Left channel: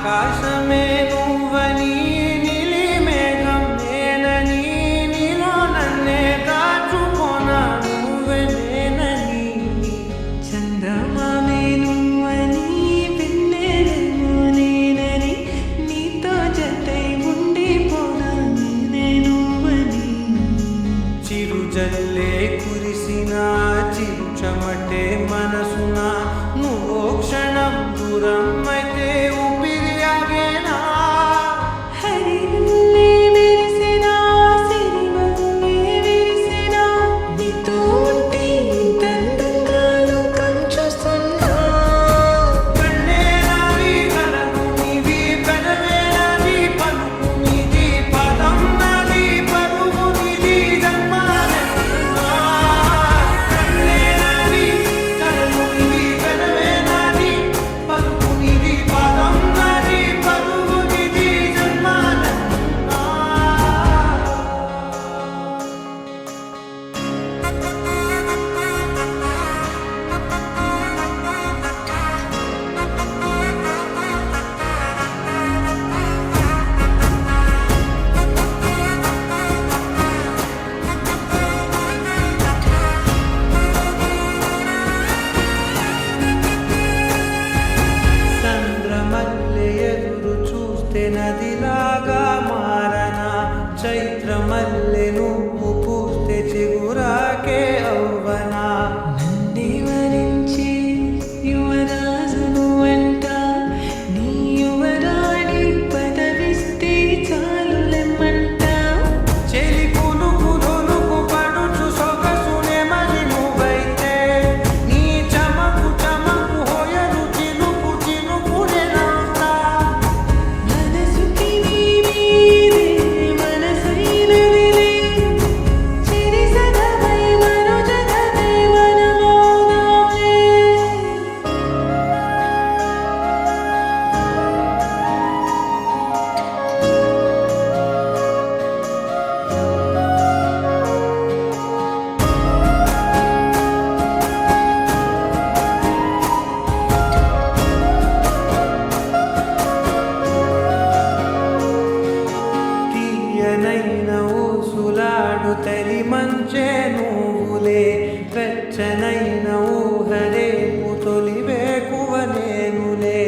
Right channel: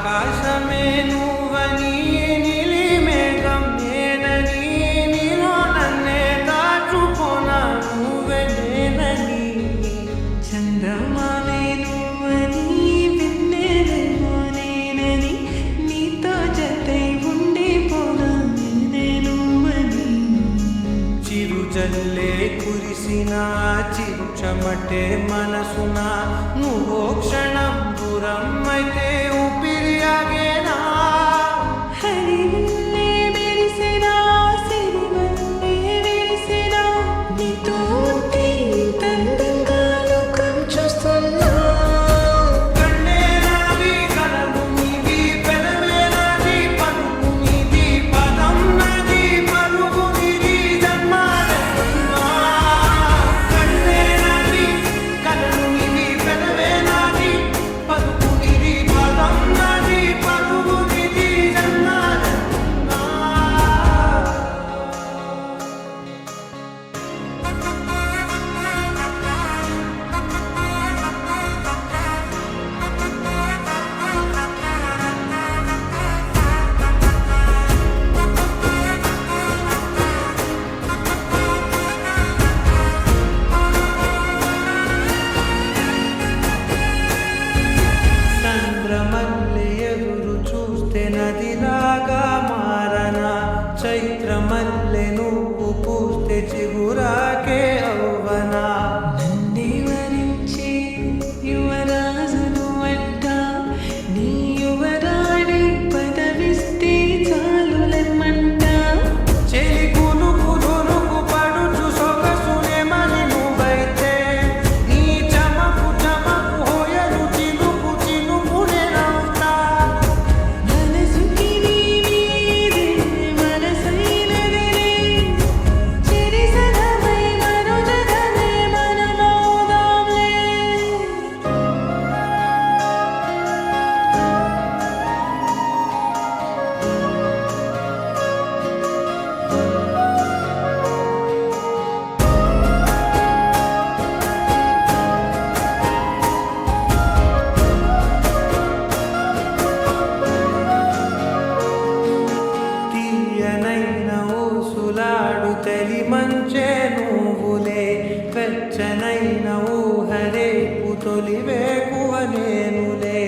ఆకాశమే నువ్వని నీలి మేఘం నేనని నీలో నన్నే దాచుకోనా నువ్వే నేనని చందమామే నువ్వని వెన్నెలేమో నేనని నీతో జతై ఉండిపోనా నేనే నువ్వని చిరుజల్లే కురిసిన చిరు చెమటే మనసున నువ్వో క్షణం దూరం అయితే ఊపిరి ఆగేనా హరివల్లే మెరిసినా సిరివల్లే విరిసినా నీతో ఉంటే ఇంతందంగా లోకం చూస్తున్నా కళ్ళే నావి కలలు నీవి పెదవే నాది పలుకు నీది పదం నాది పలుకు నీది జన్మాలెన్నో కళ్ళే నావి కలలు నీవి పెదవే నాది పలుకు నీది పదం నాది పలుకు నీది జన్మాలెన్నో చంద్రమల్లె ఎదురు చూస్తే నదిలాగా మారనా చైత్రమల్లె నువ్వు పూస్తే చిగురాకే అవ్వనా నన్నే వరించి యువరాజును అంట నీ యువరాడి పదవిస్తే చాలులెమ్మంట చెలి కులుకు పడుచు సొగసునే మలి నువ్వైతే నీ చమకు చమకు హోయలు చినుకునే నవ్వుతా మనసుకి నీ మీదే మనసైనదిలే చెరి సగమై మరో జగమే మనమౌదాంలే తీయనైన ఊసులాడు తలి మంచే నువ్వులే వెచ్చనైన ఊహరేపు తొలి వేకువ నేనులే